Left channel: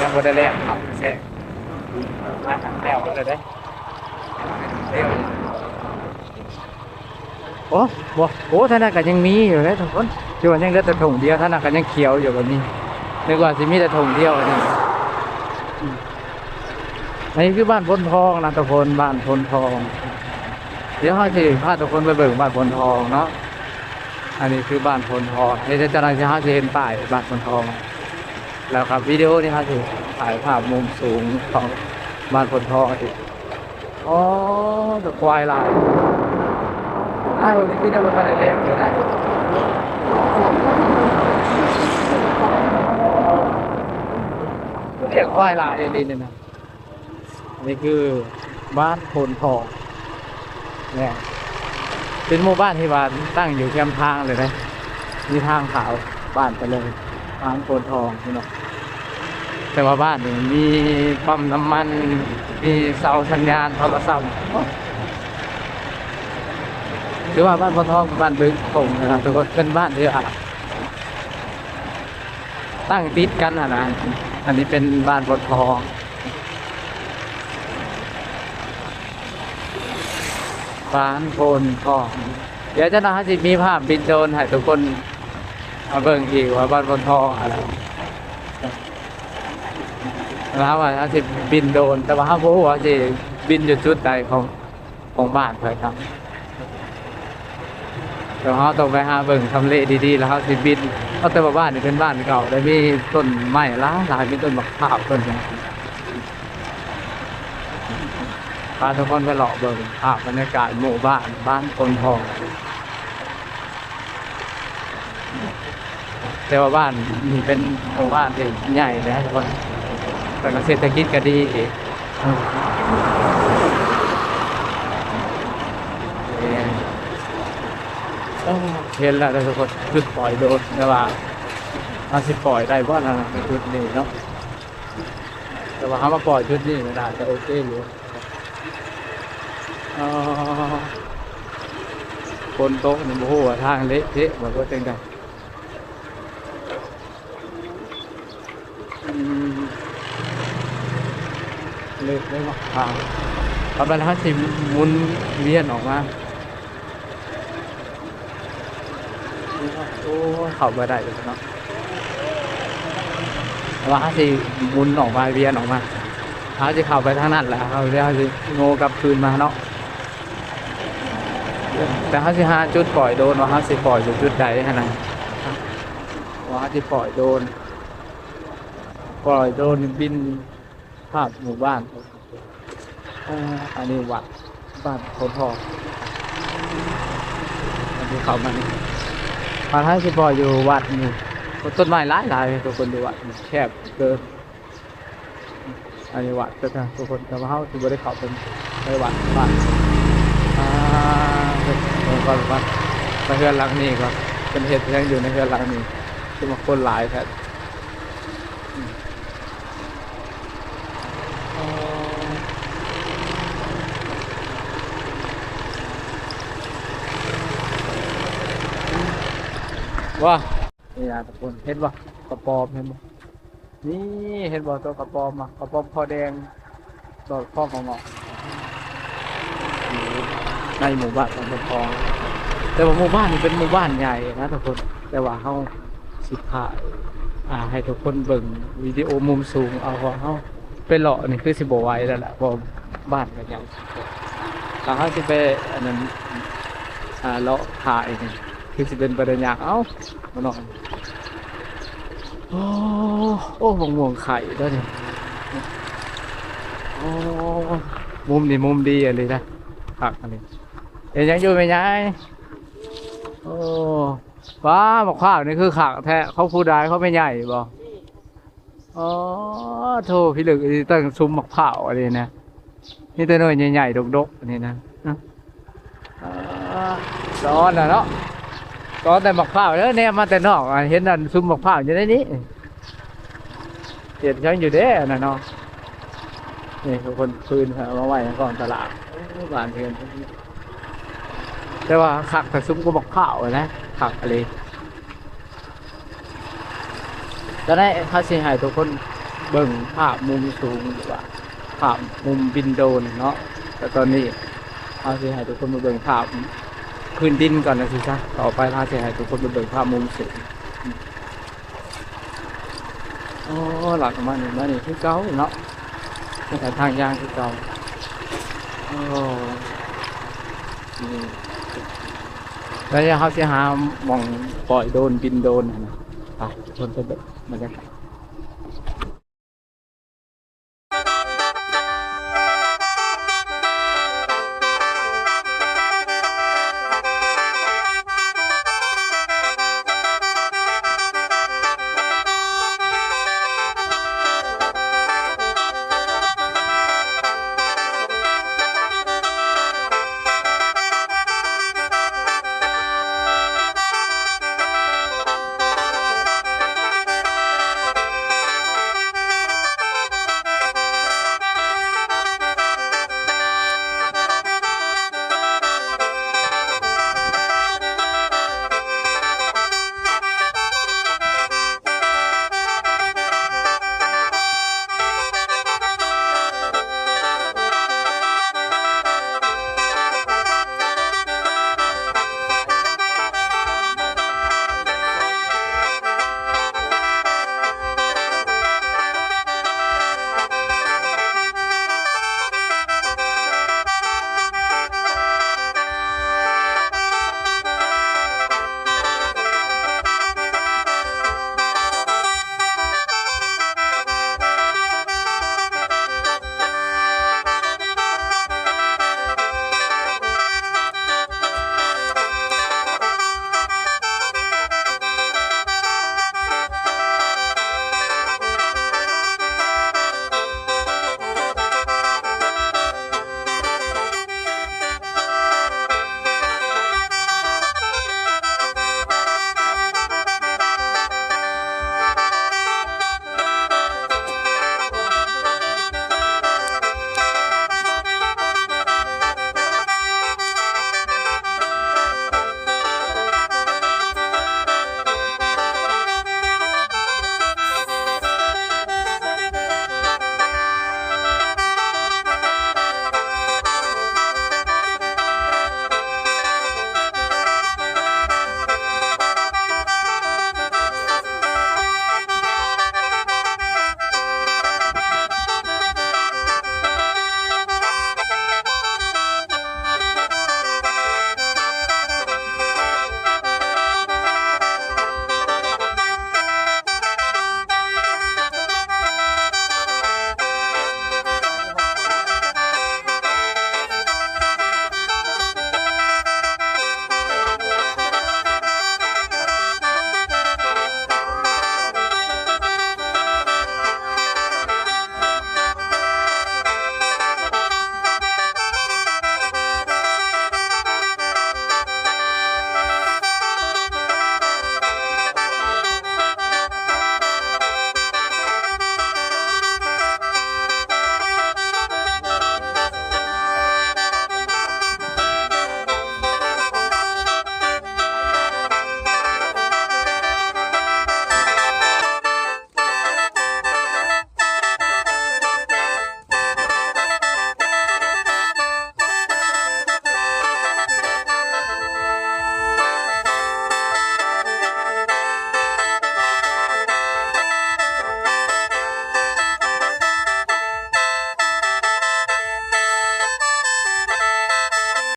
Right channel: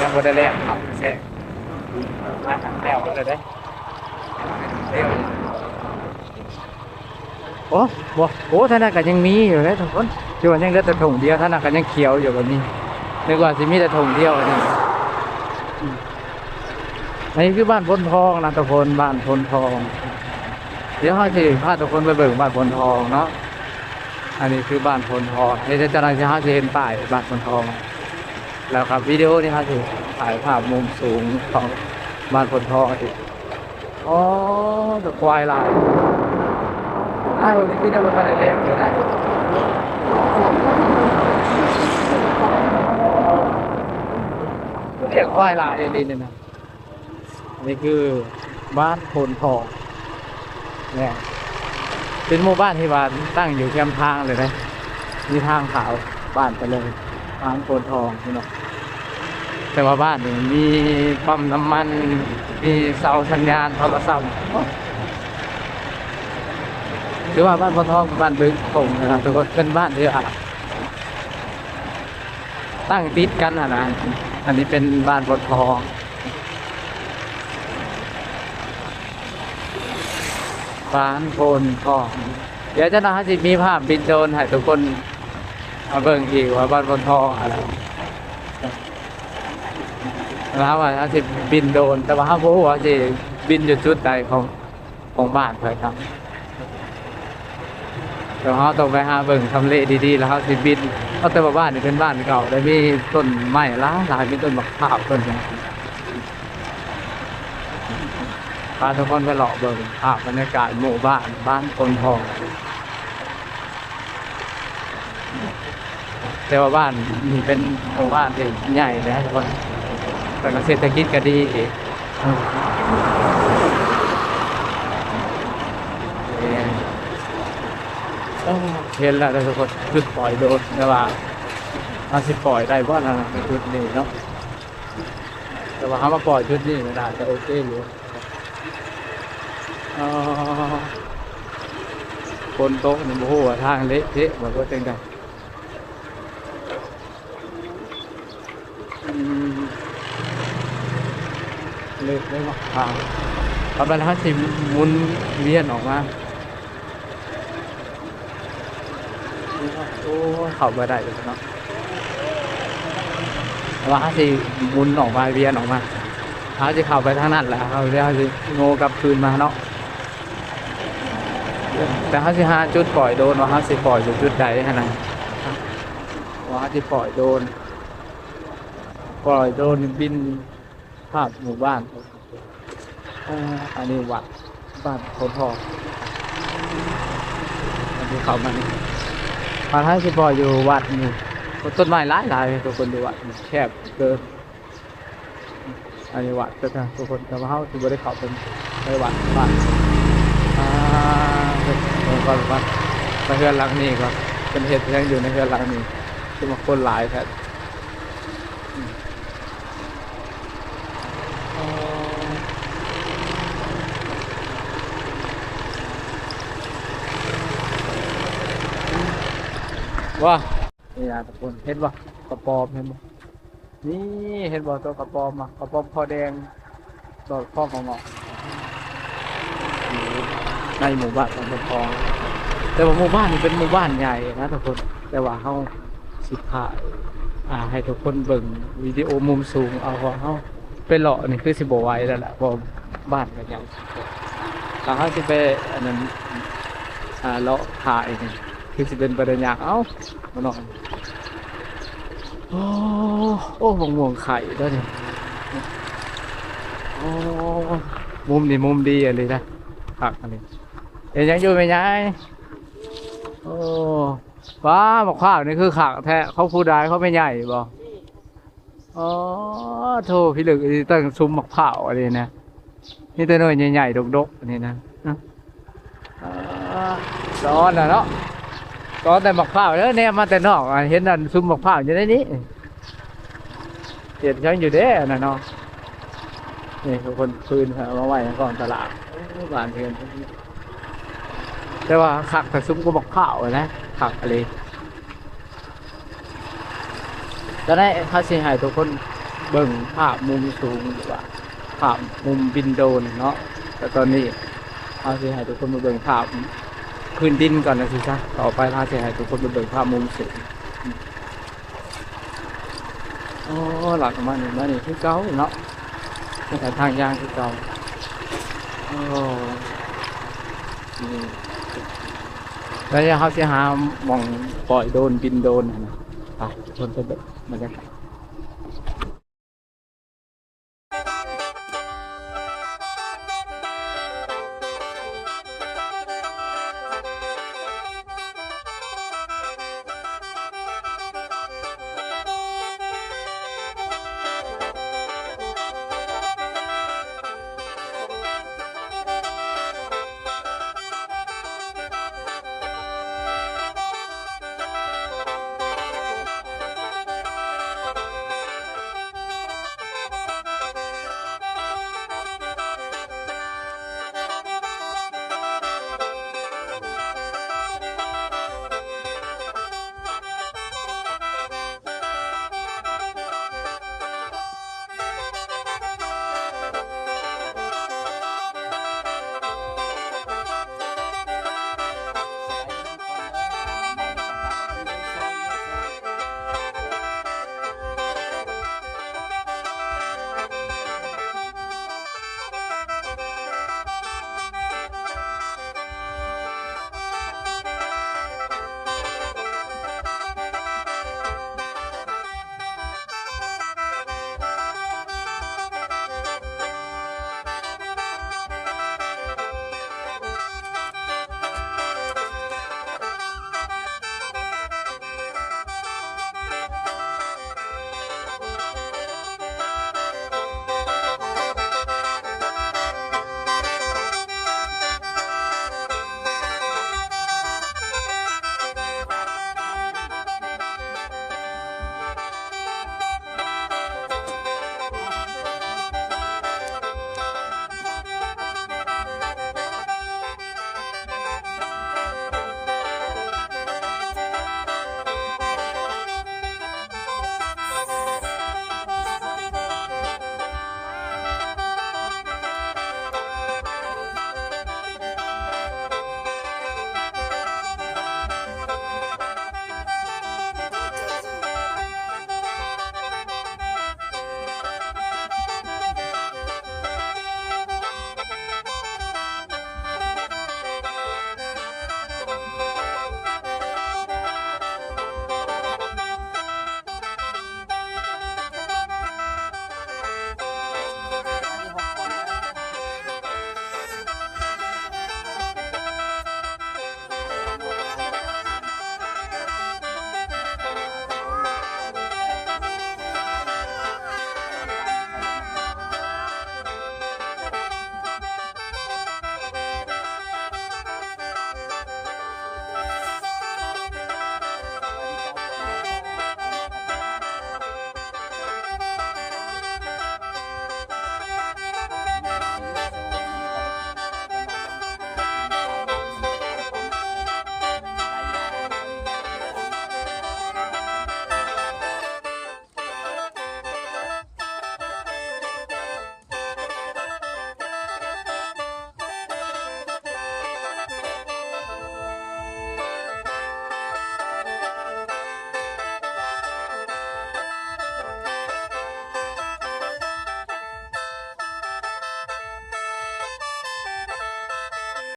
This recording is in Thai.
ยังบ่ได้แล้วครับแซ่มาทางแล้วก็เลยได้เร็วโอ้บ่โอ้ท่านน่ะก็ยังมีอยู่เลยทุกคนที่ว่ายังเหลือแต่ถุงเดียวท่านน่ะก็ยังเขียวอยู่แบบนี้นึกว่าสิมีแต่ถุงเดียวอันนี้อันนี้คือบ้านพนทองนะทุกคนบ้านพนทองเดี๋ยวให้สิพาทุกคนไปเบิ่งบ้านพนทองเนาะอันนี้คือบ้านพนทองเดี๋ยวจะนั่งจะเห็นป้ายบ้านพนทองแล้วครับวิดีโอนี้ครับถือถ่ายภาพมุมสูงของบ้านพนทองอีกอ๋อตะควายลายอ้าวนี่พี่ได้มาอะไรเล็กอยู่ไหนเรียกควายลายนี่เนี่ยนะนี่คือบ้านพนทองเนี่ยเป็นหมู่บ้านที่ว่าตั้งอยู่แคมทางเลยนะมีทางขาวบ้านไปเลยบ้านพนทองนี่เนาะแต่ว่าบ้านนี่มีปั๊มน้ำมันมีเสาสัญญาณโทรศัพท์ถือว่าบ้านพนทองบ้านบึงคงนะครับทุกคนเป็นบ้านที่ตั้งติดกันนะอันนี้เป็นบ้านพนทองบ้านพนทองเดี๋ยวจะน่าจะมีภาพบินโดรนให้ทุกคนมาเบิ่งอีกว่าบ้านพนทองอะไรแล้วว่าถ้าจะบินโดรนแต่ว่าเขาบอกว่าจะบินอยู่จุดใดของบ้านเพื่อครับเดี๋ยวเขาต้องไปหาเบิ่งทำเลดีๆแล้วเขาจะบินเพราะแต่ว่าบ้านนี่เป็นบ้านเก่าได้มีต้นไม้หลายมีต้นมะพร้าวต้นนึงพาทุกคนไปหลอกเบิ่งภาพบรรยากาศหมู่บ้านพนทองแต่ว่าบ้านนี่เป็นหมู่บ้านที่ใหญ่เลยทุกคนแต่เศรษฐกิจก็ดีอีกเห็นแล้วทุกคนจุดปล่อยโดนแต่ว่าเอาสิปล่อยได้เพราะอะไรในจุดนี้เนาะแต่ว่าเขามาปล่อยจุดนี้ไม่ได้จะโอเคอยู่คนโต๊ะนี่โอ้โหทางเละเทะเหมือนว่าเป็นไงเละเลยว่ะทางประมาณ50มุนเวียนออกมาโอ้เข้ามาได้เลยเนาะว่าสิมุนออกมาเวียนออกมาเขาจะเข้าไปทางนั้นแหละเขาจะโง่กลับคืนมาเนาะแต่เขาสิหาจุดปล่อยโดนว่าเขาสิปล่อยอยู่จุดใดขนาดว่าเขาสิปล่อยโดนบินภาพหมู่บ้านอันนี้วัดบ้านโพธิ์ทองอันนี้เขามันพาให้สิปล่อยอยู่วัดนี่ต้นไม้หลายทุกคนดูวัดแคบเกินอันนี้วัดก็จะทุกคนแต่ว่าเขาถือว่าได้เข้าไปวัดบ้านก่อนไปเฮือนหลังนี้ก็เป็นเหตุยังอยู่ในเฮือนหลังนี้ที่มาคนหลายแท้ว่านี่นะทุกคนเห็นบ่กระปอมเห็นบ่นี่เห็นบ่ตัวกระปอมอ่ะกระปอมคอแดงตัวข้องงอในหมู่บ้านของพนทองแต่ว่าหมู่บ้านนี่เป็นหมู่บ้านใหญ่นะทุกคนแต่ว่าเขาสิถ่ายให้ทุกคนเบิ่งวิดีโอมุมสูงเอาว่าเขาไปเลาะนี่คือสิบ่ไหวแล้วแหละเพราะบ้านกันใหญ่ถ้าเขาสิไปอันนั้นเลาะถ่ายนี่คือสิเป็นประเด็นยากมาหน่อยโอ้ม่วงไข่ด้วยเนี่ยโอ้มุมนี่มุมดีอะไรนะผักอันนี้เห็นยังอยู่ไหมยายโอ้ว้าหมกข้าวนี่คือขักแท้เขาพูดได้เขาไม่ใหญ่บ่อ๋อโธ่พี่ลึกตั้งซุ้มหมกข้าวอะไรนะนี่ตัวน้อยใหญ่ๆดกๆอันนี้นะร้อนนะเนาะก็แต่หมกข้าวแล้วเนี่ยมาแต่นอกเห็นนั่นซุ้มหมกข้าวอยู่ในนี้เห็นยังอยู่เด้น่ะเนาะนี่ทุกคนคืนมาไหวก่อนตลาดบ้านเพื่อนแต่ว่าขักแต่ซุ้มก็หมกข้าวนะขักอะไรตอนนี้เขาสิให้ทุกคน เบิ่งภาพมุมสูงหรือว่าภาพมุมบินโดรนเนาะแต่ตอนนี้เอาสิให้ทุกคนมาเบิ่งภาพพื้นดินก่อนนะสิจ๊ะต่อไปเราจะให้ทุกคนมาเบิ่งภาพมุมสูงโอ้หลักมานี่คือเก่าเนาะแต่ทางยางคือเก่าโอ้นี่แล้วเขาจะหาหมองปล่อยโดรนบินโดรนนะไปทุกคนไปเบิ่งบรรยากาศ